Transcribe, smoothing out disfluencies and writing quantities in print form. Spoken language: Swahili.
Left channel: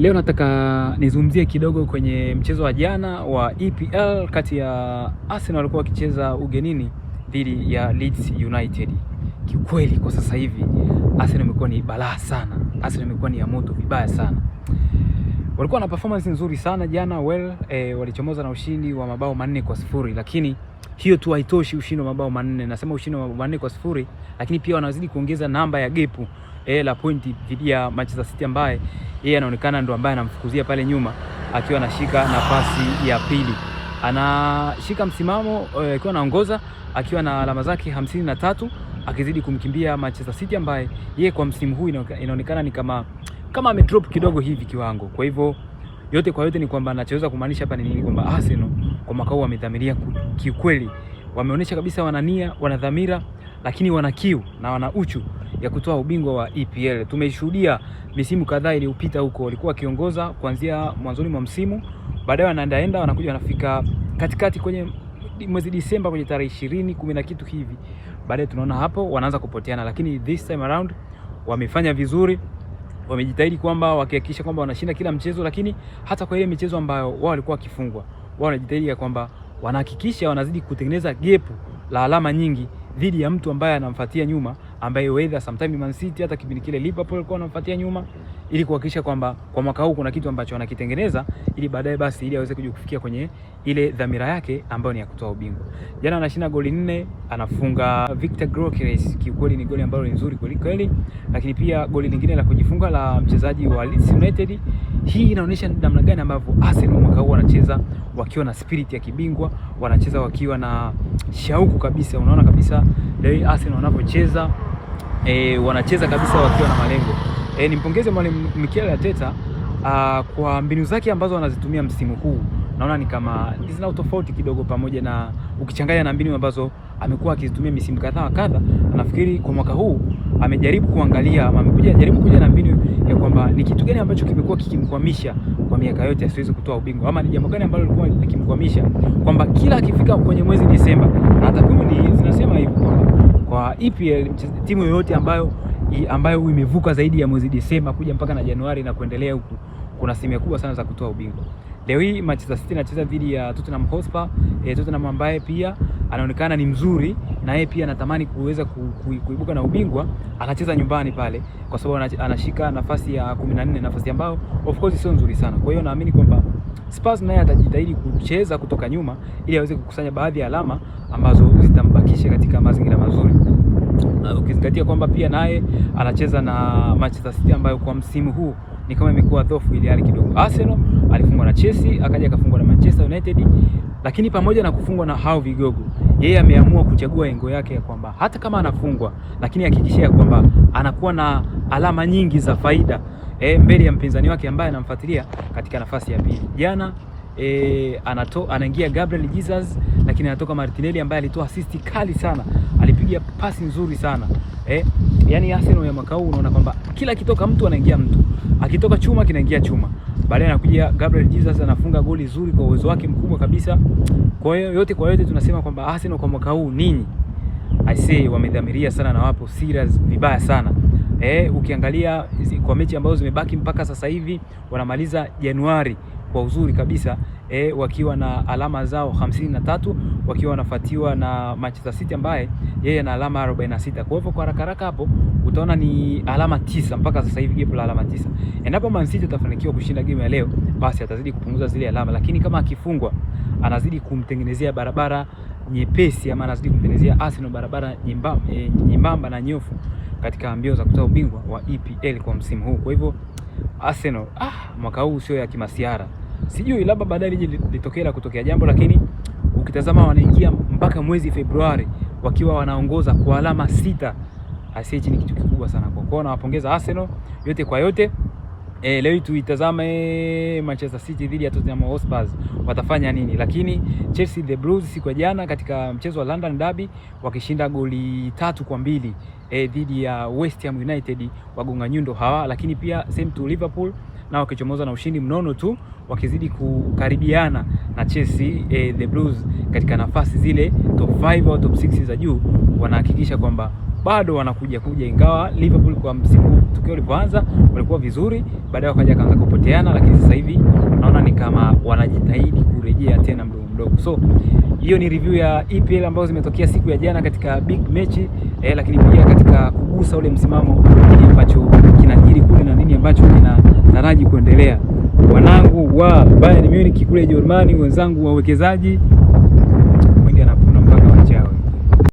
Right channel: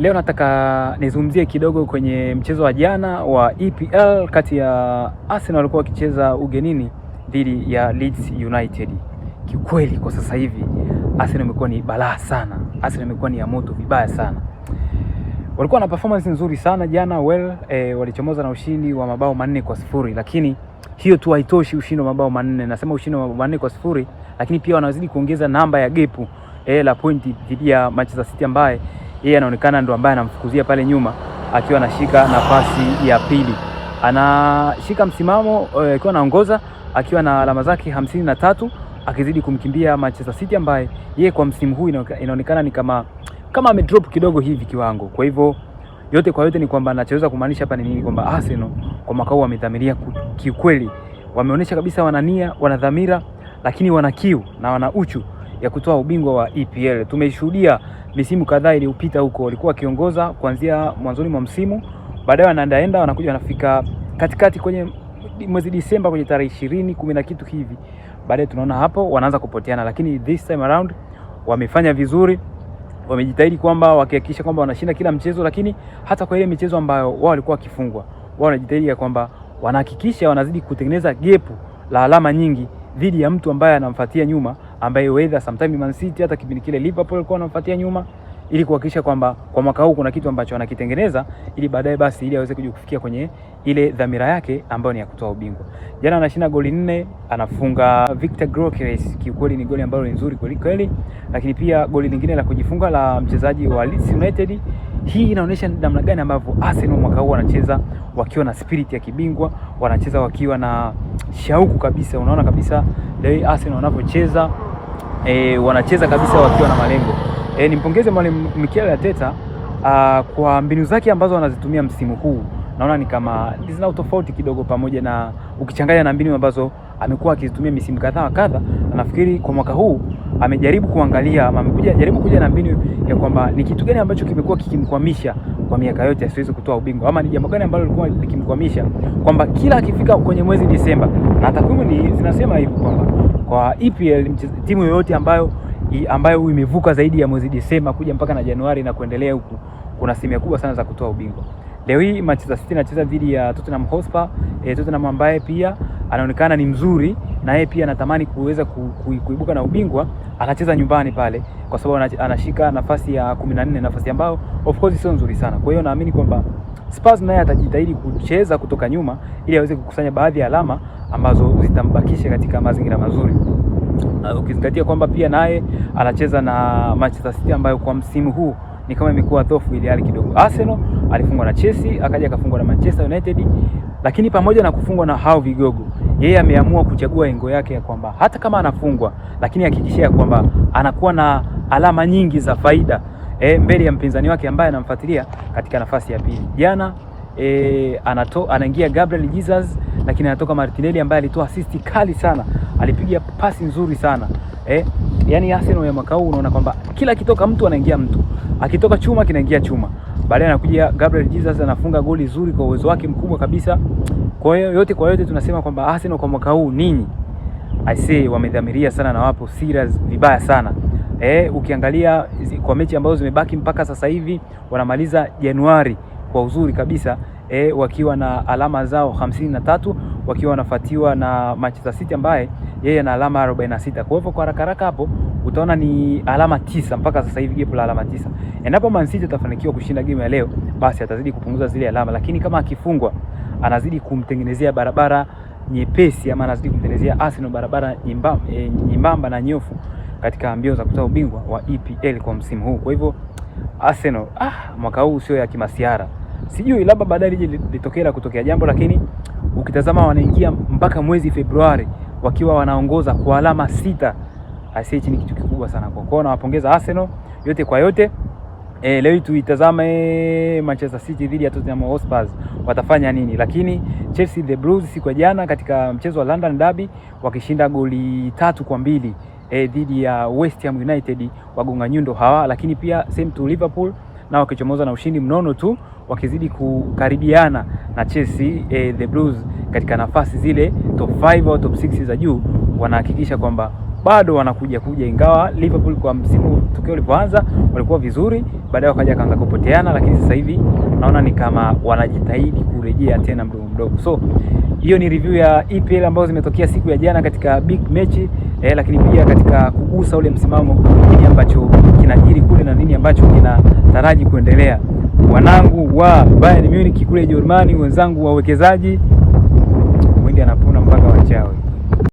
Leo nataka nizungumzie kidogo kwenye mchezo wa jana wa EPL kati ya Arsenal walikuwa wakicheza ugenini dhidi ya Leeds United. Kiukweli kwa sasa hivi Arsenal imekuwa ni balaa sana. Arsenal imekuwa ni ya moto vibaya sana. Walikuwa na performance nzuri sana jana, walichomoza na ushindi wa mabao 4-0, lakini hiyo tu haitoshi. Ushindi wa mabao 4, nasema ushindi wa mabao 4-0, lakini pia wanazidi kuongeza namba ya gepu la pointi dhidi ya Manchester City ambaye yeye anaonekana ndo ambaye anamfukuzia pale nyuma akiwa anashika nafasi ya pili. Anashika msimamo akiwa anaongoza akiwa na alama zake 53 akizidi kumkimbia Manchester City ambaye yeye kwa msimu huu inaonekana ni kama amedrop kidogo hivi kiwango. Kwa hivyo yote kwa yote ni kwamba anachoweza kumaanisha hapa ni nini, kwamba Arsenal kwa mwaka huu wamedhamiria kiukweli. Wameonyesha kabisa wanania, wanadhamira, lakini wana kiu na wana uchu ya kutoa ubingwa wa EPL. Tumeshuhudia misimu kadhaa iliyopita huko walikuwa wakiongoza kuanzia mwanzoni mwa msimu, baadaye wanaenda wanakuja wanafika katikati kwenye mwezi Disemba kwenye tarehe 20 10 na kitu hivi, baadaye tunaona hapo wanaanza kupoteana. Lakini this time around wamefanya vizuri, wamejitahidi kwamba wakihakikisha kwamba wanashinda kila mchezo, lakini hata kwa ile michezo ambayo wao walikuwa wakifungwa, wao wanajitahidi kwamba wanahakikisha wanazidi kutengeneza gepu la alama nyingi dhidi ya mtu ambaye anamfuatia nyuma, ambaye weather sometime Man City, hata kipindi kile Liverpool walikuwa wanamfuatia nyuma, ili kuhakikisha kwamba kwa mwaka huu kuna kitu ambacho wanakitengeneza ili baadaye basi ili aweze kufikia kwenye ile dhamira yake ambayo ni ya kutoa ubingwa. Jana anashinda goli 4, anafunga Victor Gyökeres. Kiukweli ni goli ambalo ni nzuri kweli, lakini pia goli lingine la kujifunga la mchezaji wa Leeds United. Hii inaonyesha namna gani ambavyo Arsenal mwaka huu wanacheza wakiwa na spirit ya kibingwa, wanacheza wakiwa na shauku kabisa. Unaona kabisa leo Arsenal wanapocheza wanacheza kabisa wakiwa na malengo. Nimpongeze mwalimu Mikel Arteta kwa mbinu zake ambazo wanazitumia msimu huu. Naona ni kama zina utofauti kidogo, pamoja na ukichanganya na mbinu ambazo amekuwa akizitumia misimu kadhaa. Nafikiri kwa mwaka huu amejaribu kuangalia, jaribu kuja na mbinu ya kwamba ni kitu gani ambacho kimekuwa kikimkwamisha kwa miaka yote asiweze kutoa ubingwa, ama ni jambo gani ambalo lilikuwa likimkwamisha, kwamba kila akifika kwenye mwezi Disemba, na takwimu zinasema hivyo kwa EPL, timu yoyote ambayo imevuka zaidi ya mwezi Disemba kuja mpaka na Januari na kuendelea huku, kuna asilimia kubwa sana za kutoa ubingwa. Leo hii Manchester City anacheza dhidi ya Tottenham Hotspur. Tottenham ambaye pia anaonekana ni mzuri na yeye pia anatamani kuweza kuibuka na ubingwa, anacheza nyumbani pale kwa sababu anashika nafasi ya 14, nafasi ambayo of course sio nzuri sana. Kwa hiyo naamini kwamba Spurs naye atajitahidi kucheza kutoka nyuma ili aweze kukusanya baadhi ya alama ambazo zitambakisha katika mazingira mazuri. Ukizingatia kwamba pia naye anacheza na Manchester City ambayo kwa msimu huu ni kama imekuwa dhaifu ile hali kidogo. Arsenal alifungwa na Chelsea, akaja akafungwa na Manchester United, lakini pamoja na kufungwa na hao vigogo, yeye ameamua kuchagua engo yake ya kwamba hata kama anafungwa, lakini hakikisha kwamba anakuwa na alama nyingi za faida mbele ya mpinzani wake ambaye anamfuatilia katika nafasi ya pili. Jana anaingia Gabriel Jesus, lakini anatoka Martinelli ambaye alitoa assist kali sana, alipiga pasi nzuri sana. Yani Arsenal ya mwaka huu unaona kwamba kila kitoka mtu anaingia mtu, akitoka chuma kinaingia chuma. Baadaye anakuja Gabriel Jesus anafunga goli zuri kwa uwezo wake mkubwa kabisa. Kwa hiyo yote kwa yote tunasema kwamba Arsenal kwa mwaka huu I say wamedhamiria sana na wapo serious vibaya sana. Ukiangalia kwa mechi ambazo zimebaki mpaka sasa hivi wanamaliza Januari kwa uzuri kabisa, wakiwa na alama zao 53, wakiwa wanafuatiwa na Manchester City ambaye yeye ana alama 46. Kwa hivyo kwa haraka hapo utaona ni alama 9 mpaka sasa hivi, jepo la alama 9. Endapo Man City atafanikiwa kushinda game ya leo, basi atazidi kupunguza zile alama, lakini kama akifungwa anazidi kumtengenezea barabara nyepesi, ama anazidi kumtengenezea Arsenal barabara nyembamba na nyofu katika mbio za kutoa ubingwa wa EPL kwa msimu huu. Kwa hivyo Arsenal mwaka huu sio ya kimasiara. Sijui labda baadaye kutokea jambo, lakini ukitazama wanaingia mpaka mwezi Februari wakiwa wanaongoza kwa alama 6. Hichi ni kitu kikubwa sana kwa kwao. Nawapongeza Arsenal yote kwa yote. Leo tuitazame Manchester City dhidi ya Tottenham Hotspur watafanya nini, lakini Chelsea the Blues siku ya jana katika mchezo wa London Derby wakishinda goli 3-2 dhidi ya West Ham United, wagonga nyundo hawa, lakini pia same to Liverpool na wakichomoza na ushindi mnono tu, wakizidi kukaribiana na Chelsea. The Blues katika nafasi zile top 5 au top 6 za juu wanahakikisha kwamba bado wanakuja, ingawa Liverpool kwa msimu tokeo ulipoanza walikuwa vizuri, baadaye wakaja kaanza kupoteana, lakini sasa hivi naona ni kama wanajitahidi kurejea tena mdogo mdogo. So hiyo ni review ya EPL ambazo zimetokea siku ya jana katika big mechi, lakini pia katika kugusa ule msimamo, nini ambacho kinajiri kule na nini ambacho kinataraji kuendelea. Wanangu wa Bayern Munich kule Germany, wenzangu wawekezaji,